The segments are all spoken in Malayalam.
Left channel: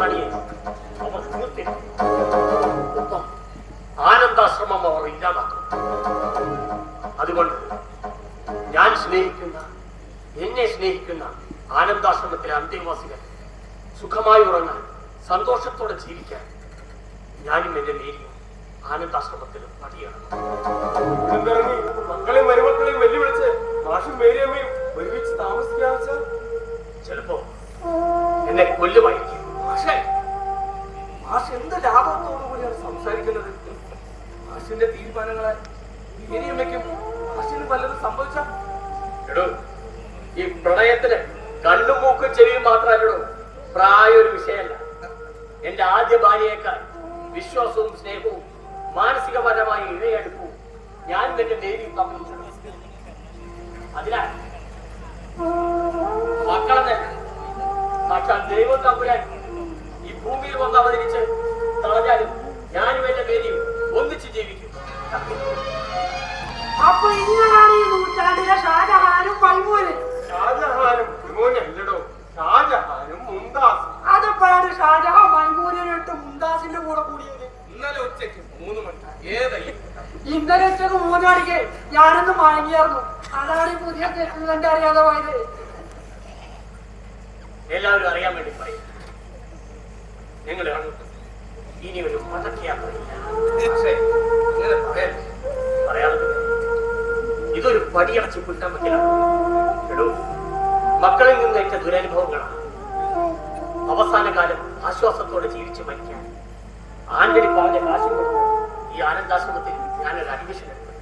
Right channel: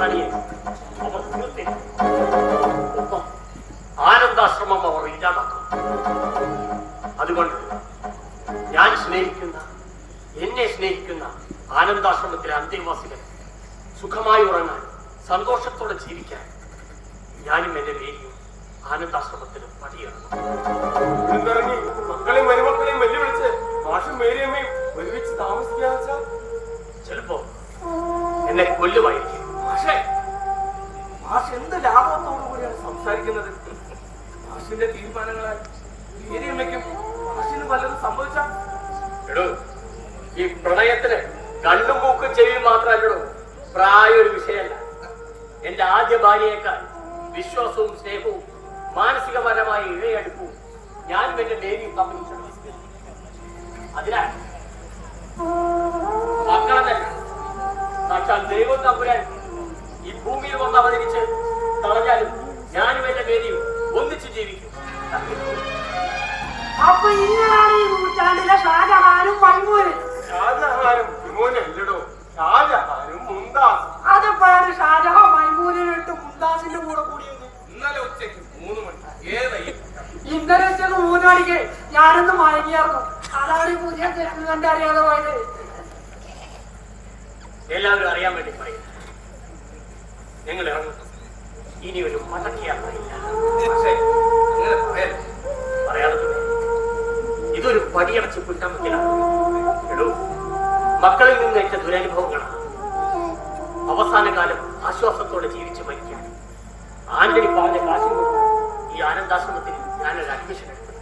പാകിസ്ഥാനിയെ അവർ തീർത്തില്ല. ഒപ്പം ആനന്ദാശ്രമം അവർ ഇല്ലാതാക്കും. അതുകൊണ്ട് ഞാൻ സ്നേഹിക്കുന്ന, എന്നെ സ്നേഹിക്കുന്ന ആനന്ദാശ്രമത്തിലെ അന്തേവാസികൾ സുഖമായി ഉറങ്ങാൻ, സന്തോഷത്തോടെ ജീവിക്കാൻ ഞാനും എന്റെ മേരിയും ആനന്ദാശ്രമത്തിൽ പടിയേറുന്നു. മക്കളെയും മരുമക്കളെയും വെല്ലുവിളിച്ച് മാഷും മേരിയമ്മയും ഒരുമിച്ച് താമസിക്കാന്ന് ചിലപ്പോ എന്നെ കൊല്ലുമായിരിക്കും. പക്ഷേ മാഷ് എന്ത് ലാഭത്തോടു കൂടിയാണ് സംസാരിക്കുന്നത്? മാഷിന്റെ തീരുമാനങ്ങളാൽ മേരിയമ്മയ്ക്കും മാഷിന് പലരും സംഭവിച്ചാൽ എടോ, ഈ പ്രണയത്തിന് കണ്ണും മൂക്കും ചെവിയും മാത്രമല്ലടോ, പ്രായ ഒരു വിഷയമല്ല. എന്റെ ആദ്യ ഭാര്യയേക്കാൾ വിശ്വാസവും സ്നേഹവും മാനസികപരമായ ഇഴയടുപ്പവും ഞാനും എന്റെ ദേവിയും പങ്കുവച്ചു. അതിനാൽ മക്കളെന്നല്ല, സാക്ഷാൽ ദൈവം തമ്പുരാൻ ഈ ഭൂമിയിൽ വന്ന് അവതരിച്ച് തളഞ്ഞാലും ഞാനും എന്റെ ദേവിയും ഒന്നിച്ച് ജീവിക്കും. അപ്പൊ ഇങ്ങനാണ് ഈ നൂറ്റാണ്ടിലെ ഷാജഹാനും മൈമൂനും. ഷാജഹാനും ഇമോനല്ലടോ, ഷാജഹാനും മുംതാസ്. അതെപ്പോഴാണ് ഷാജഹാൻ മൈമൂനിട്ട് മുംതാസിന്റെ കൂടെ കൂടിയത്? ഇന്നലെ ഉച്ചയ്ക്ക് 3 മണി. ഏതായി? ഇന്നലെ ഉച്ചക്ക് 3 മണിക്ക് ഞാനൊന്ന് മയങ്ങിയായിരുന്നു. അതാണ് ഈ പുതിയ സെറ്റിൽമെന്റ് അറിയാതെ പോയത്. എല്ലാവരും അറിയാൻ വേണ്ടി പറയും, നിങ്ങൾ ഇനി ഒരു മടക്കിയാത്രയില്ല. പക്ഷേ അങ്ങനെ പറയല്ലേ, പറയാതെ ഇതൊരു പടിയടച്ച് കിട്ടാൻ പറ്റില്ല. എടോ, മക്കളിൽ നിന്നേറ്റ ദുരനുഭവങ്ങളാണ്. അവസാന കാലം ആശ്വാസത്തോടെ ജീവിച്ചു മരിക്കാൻ ആന്റണി പറഞ്ഞ കാശും കൊടുത്ത് ഈ ആനന്ദാശ്രമത്തിൽ ഞാനൊരു അഡ്മിഷൻ എടുത്തു.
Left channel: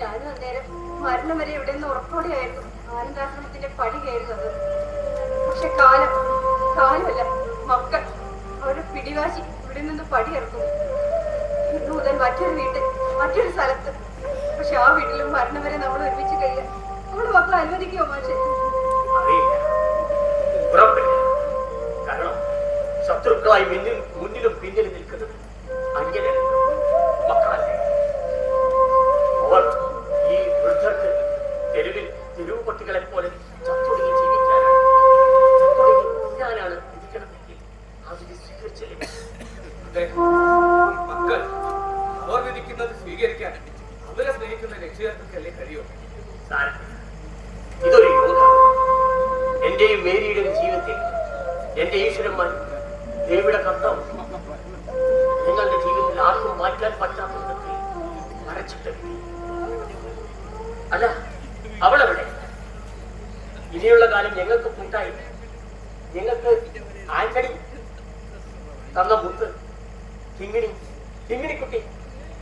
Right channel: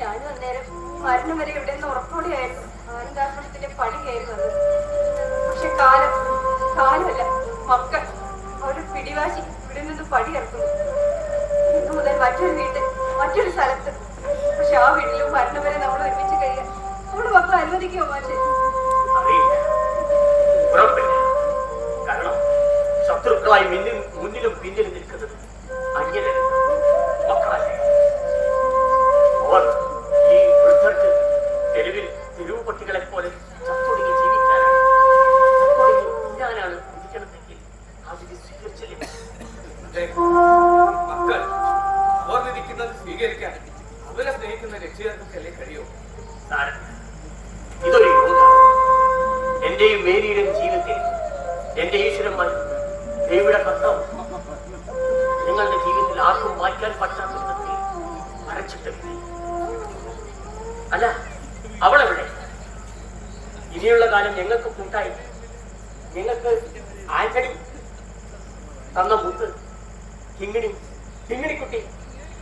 ഞാനും അന്നേരം മരണം വരെ ഇവിടെ നിന്ന് ഉറപ്പോടെയായിരുന്നു ആനന്ദാശ്രമത്തിന്റെ പടി കയറുന്നത്. പക്ഷെ കാലമല്ല, മക്കൾ ഒരു പിടിവാശി ഇവിടെ നിന്ന് പടി ഇറക്കുന്നു. ഇന്ന് മുതൽ മറ്റൊരു വീട്ടിൽ, മറ്റൊരു സ്ഥലത്ത്. പക്ഷെ ആ വീട്ടിലും മരണം വരെ നമ്മൾ ഒരുമിച്ച് കഴിയാൻ നമ്മുടെ മക്കൾ അനുവദിക്കുമോ? പക്ഷേ അറിയില്ല, ഉറപ്പില്ല. കാരണം ശത്രുക്കളായി മുന്നിലും പിന്നിലും നിൽക്കുന്നത് അന്യരല്ല, മക്കളല്ലേ. അവർ ഈ വൃദ്ധർക്ക് തെരുവ് പട്ടികളെ പോലെ ചത്തൊടുങ്ങി ജീവിക്കാനാണ്, ഞാനാണ് ഇരിക്കണമെങ്കിൽ അതിന് സ്വീകരിച്ചില്ല. മക്കൾ അവർ വിധിക്കുന്നത് സ്വീകരിക്കാൻ അവരെ സ്നേഹിക്കുന്ന രക്ഷിതാക്കൾക്കല്ലേ കഴിയോ? ഇതൊരു യോഗമാണ്. എന്റെയും മേരിയുടെയും ജീവിതത്തിൽ എന്റെ ഈശ്വരന്മാർ ദേവിയുടെ കർത്താവ് നിങ്ങളുടെ ജീവിതത്തിൽ ആർക്കും മാറ്റാൻ പറ്റാത്ത വിധത്തിൽ അരച്ചിട്ട്. അല്ല, അവളെവിടെ? ഇനിയുള്ള കാലം ഞങ്ങൾക്ക് കൂട്ടായി, ഞങ്ങൾക്ക് ആന്റണി തന്ന മുത്ത്, കിങ്ങിണിക്കുട്ടി,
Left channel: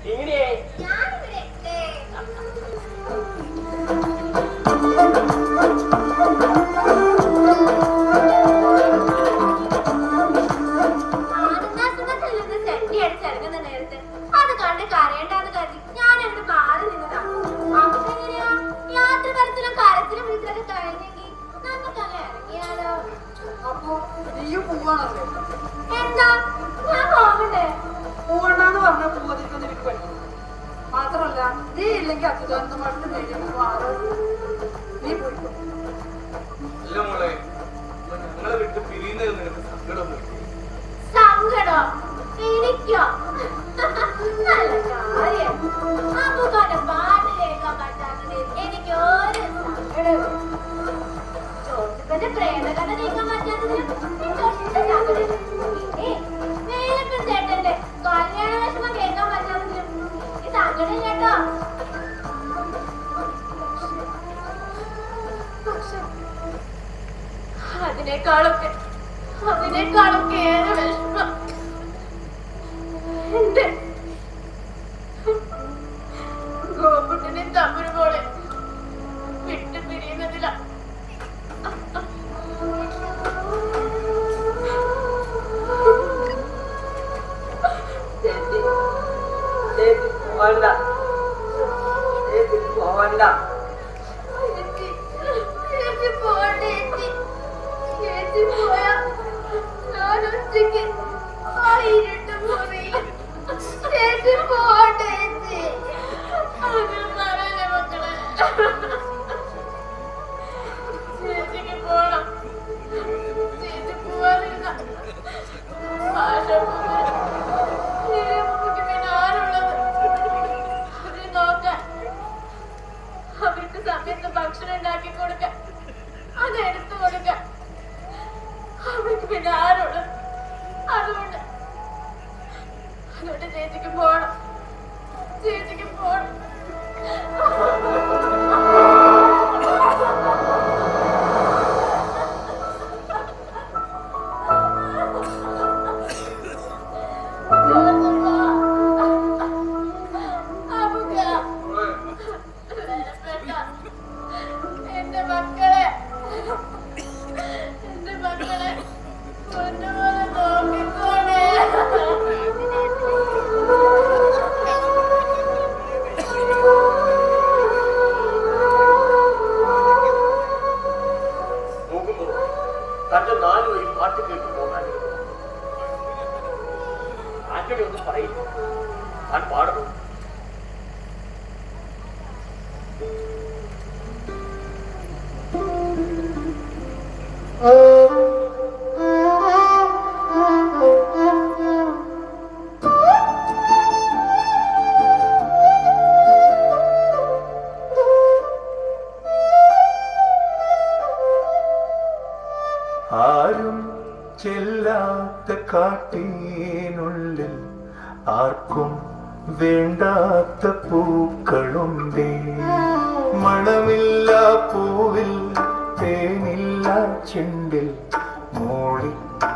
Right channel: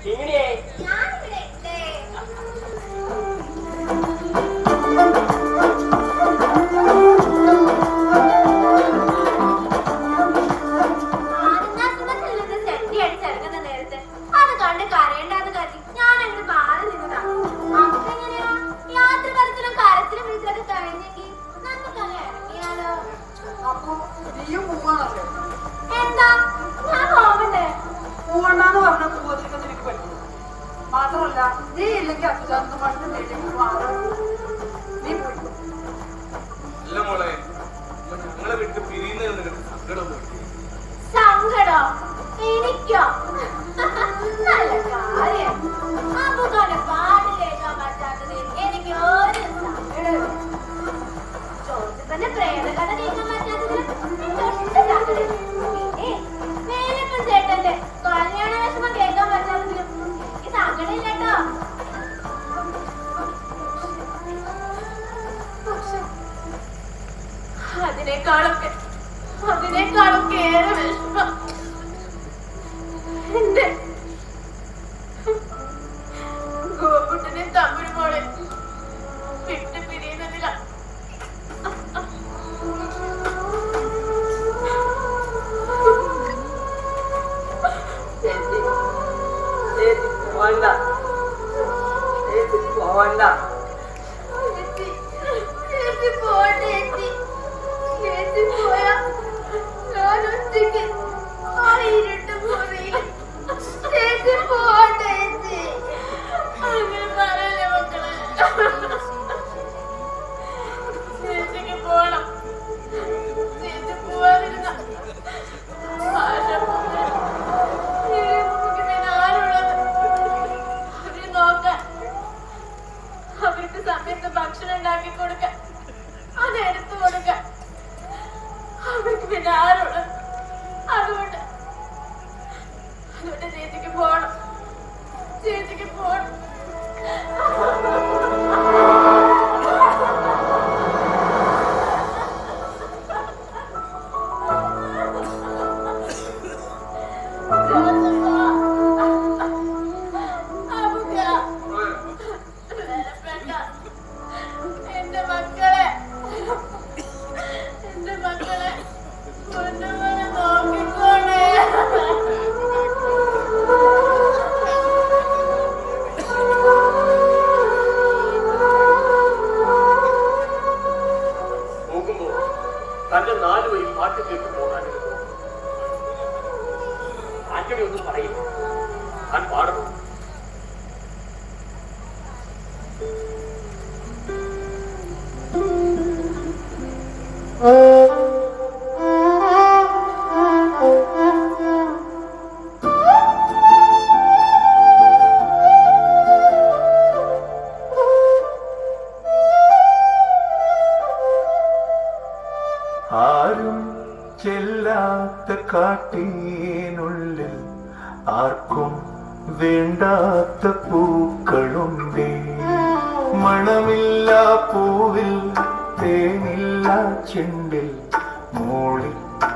കിങ്ങിണിയെ പൂവണ്ണാന്ന് പറഞ്ഞ പൂവതിരിക്കുന്ന എനിക്ക് പറ്റും. മാത്രമല്ല, നീ ഇല്ലെങ്കിൽ അച്യുതാനന്ദ മാഷിന്റെ മേലെ മാറാൻ നീ പോയി. അല്ല മോളെ, ഞങ്ങളെ വിട്ട് പിരിയുന്നതിൽ നിനക്ക് സങ്കടമൊന്നും സങ്കടോ? എനിക്കോ? നല്ല കാര്യം. അപ്പുകാന്റെ പാട്ട് കേൾക്കാൻ പറ്റാത്തതിൽ എനിക്ക് ഒരു സങ്കടവും. ജോസഫിന്റെ പ്രേമകഥ കേൾക്കാൻ പറ്റാത്തതിൽ എനിക്ക് ഒട്ടും സങ്കടമില്ല. പിന്നെ വേലപ്പൻ ചേട്ടന്റെ കല്യാണ വിഷമം കേൾക്കാൻ പറ്റാത്തതിലും എനിക്ക് സങ്കടമില്ല കേട്ടോ. അതിനേക്കാളൊക്കെ ഏറെ വിഷമം എന്റെ ഗോപുട്ടനെ തമിഴ്മോളെ വിട്ടു പിരിയുന്നതില. ചേച്ചിക്ക് പോണം, ചേച്ചിക്ക് പോണം. തന്റെ 4 വരി പാട്ട് കേൾക്കുമ്പോൾ ആന്റണി ഒന്നും പറയില്ല. താൻ പാടണം. ആരും ചെല്ലാത്ത കാട്ടിനുള്ളിൽ ആർക്കും വേണ്ടാത്ത പൂക്കളുണ്ടേ. മണമില്ല പൂവിൽ തേനില്ല ചെണ്ടിൽ മൂളി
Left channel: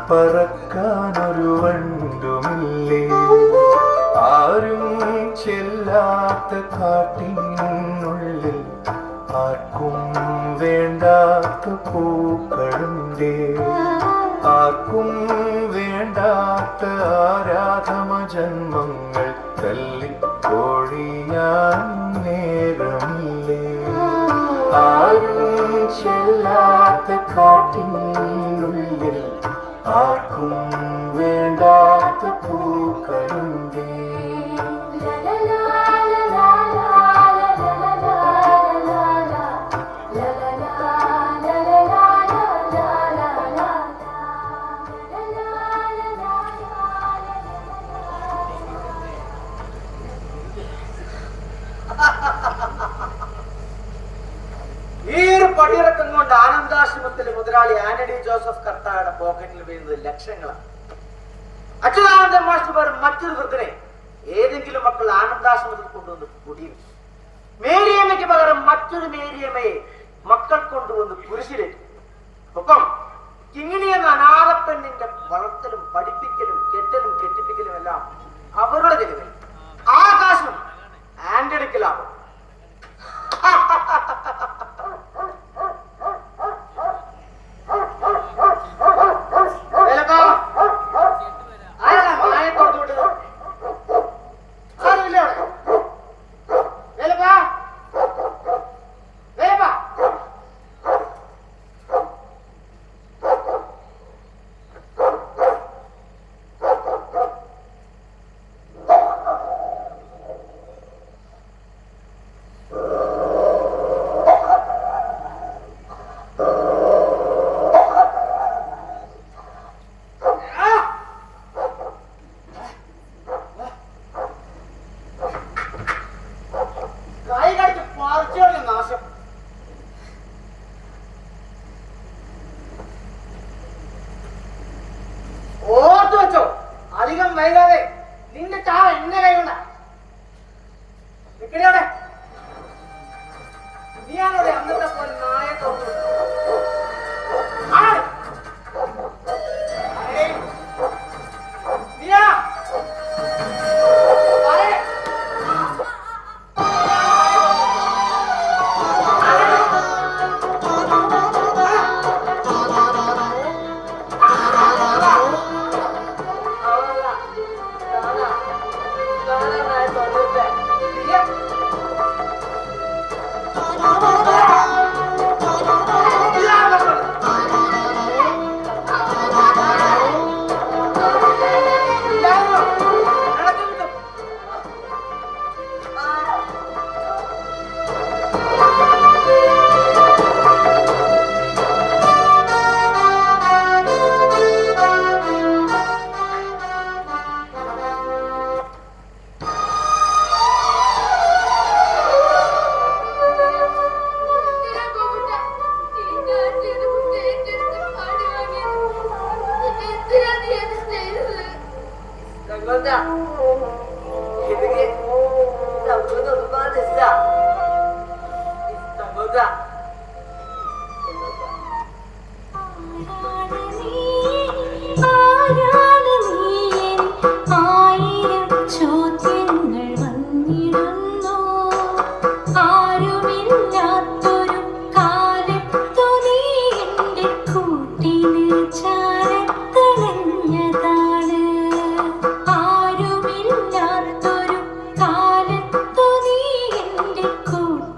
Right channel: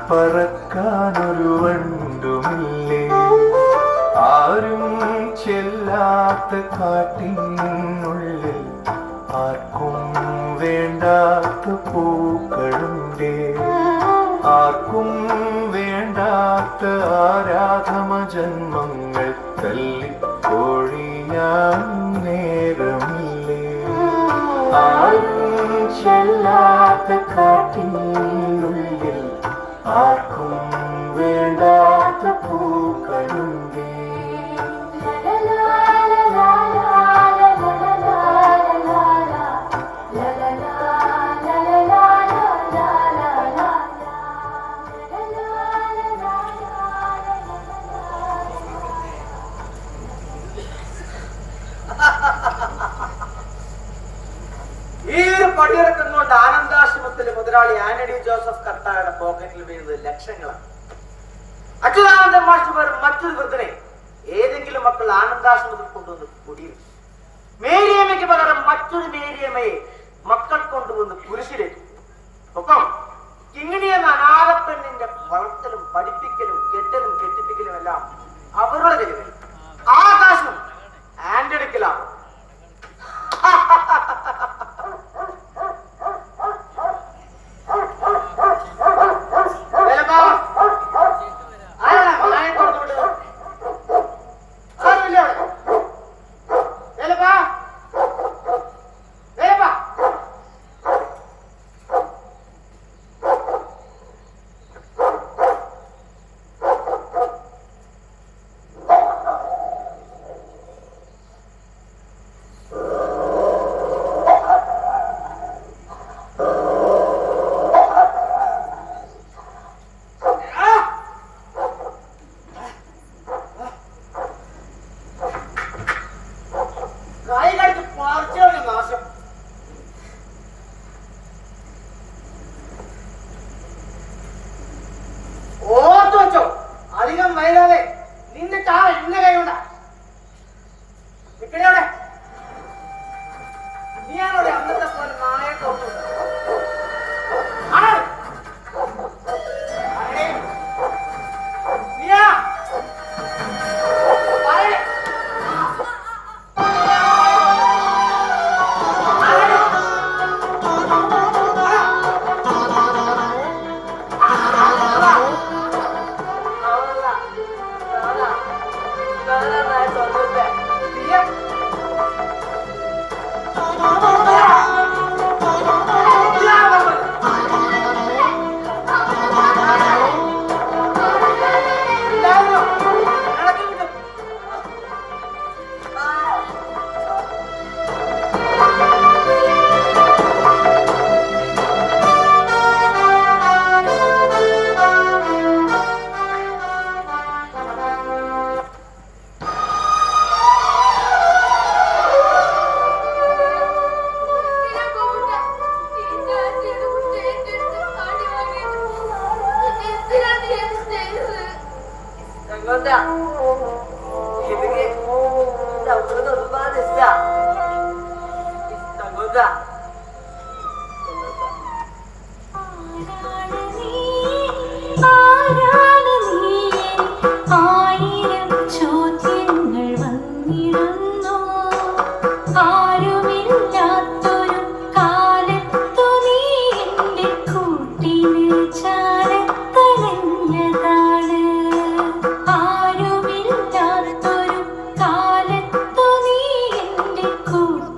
പറക്കാനൊരു വണ്ടുമില്ലേ. ആരും ചെല്ലാത്ത കാട്ടിനുള്ളിൽ ആർക്കും വേണ്ടാത്ത പൂക്കളുണ്ടേ. ആർക്കും വേണ്ടാത്ത ആരാധമ ജന്മങ്ങൾ തല്ലിക്കൊഴിയാൻ നേരമില്ലേ. ആരും ചെല്ലാത്ത കാട്ടിനുള്ളിൽ ആർക്കും വേണ്ടാത്ത പൂക്കളുണ്ടേ. ഈ ഒരു പടിയിറക്കം കൊണ്ട് ആനന്ദാശ്രമത്തിലെ മുതലാളി ആന്റണി ജോസഫ് കർത്തായുടെ പോക്കറ്റിൽ വീഴുന്നത് ലക്ഷങ്ങളാണ്. അച്യുതാനന്ദൻ മാസ്റ്റർ മറ്റൊരു വൃദ്ധനെ ഏതെങ്കിലും മക്കൾ ആനന്ദാശ്രമത്തിൽ കൊണ്ടുവന്ന് കുടിയിരുന്നു. മേരിയമ്മയ്ക്ക് പകരം മറ്റൊരു മേരിയമ്മയെ മക്കൾ കൊണ്ടുവന്ന് കുരിശിലേറ്റു. ഒപ്പം കിങ്ങിണി എന്ന അനാഥപ്പെണ്ണിന്റെ വളർത്തലും പഠിപ്പിക്കലും കെട്ടലും കെട്ടിപ്പിക്കലും എല്ലാം അവരുടെ ചെലവിൽ. ആകാശം ആന്റണിക്കലാവും. ഓർത്തു വെച്ചോ, അധികം വൈകാതെ നിന്റെ ചാവ എന്റെ കൈകൊണ്ട. നിക്കടെ നീയാണോടെ അന്നത്തെ പോലെ നായ തോന്നു.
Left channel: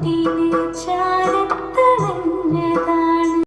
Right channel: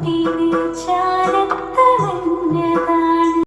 പൂത്തി